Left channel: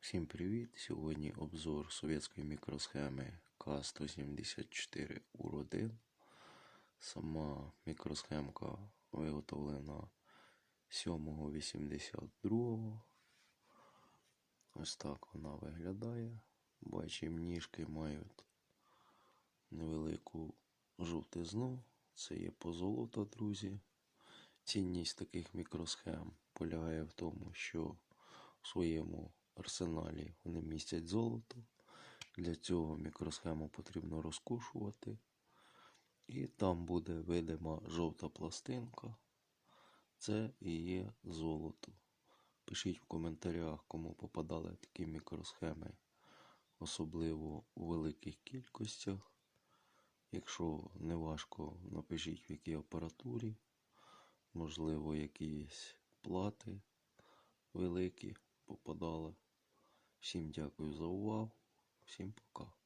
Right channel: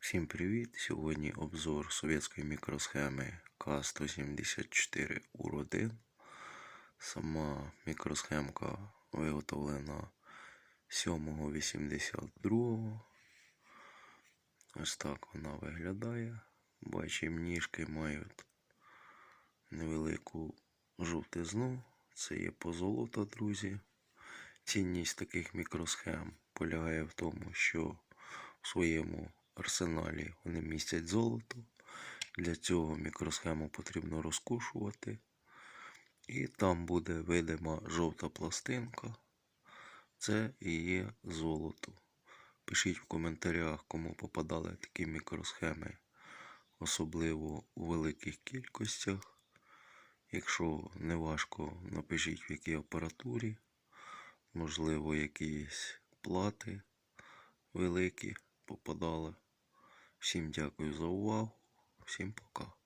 Всім привіт! Сьогодні обзор совєтської мікросхеми К174 УР-1. Сама мікросхемка виготовлена 7.82. Ось так вона виглядає. Бачимо, ніжки мають невелику жовтизну. Це є позолота, друзі. Цінність таких мікросхем полягає в тому, що в своєму арсеналі вони містять золото. Для цього мікросхему потрібно розкушувати. І там буде видима жовта пластинка. Це і є золото. Пишіть в коментарях, кому попадали такі мікросхеми, особливо у великих кількостях. Якщо не важко, напишіть в якій апаратурі, можливо, якісь плати великі попадали. 심지어그래서우와심포가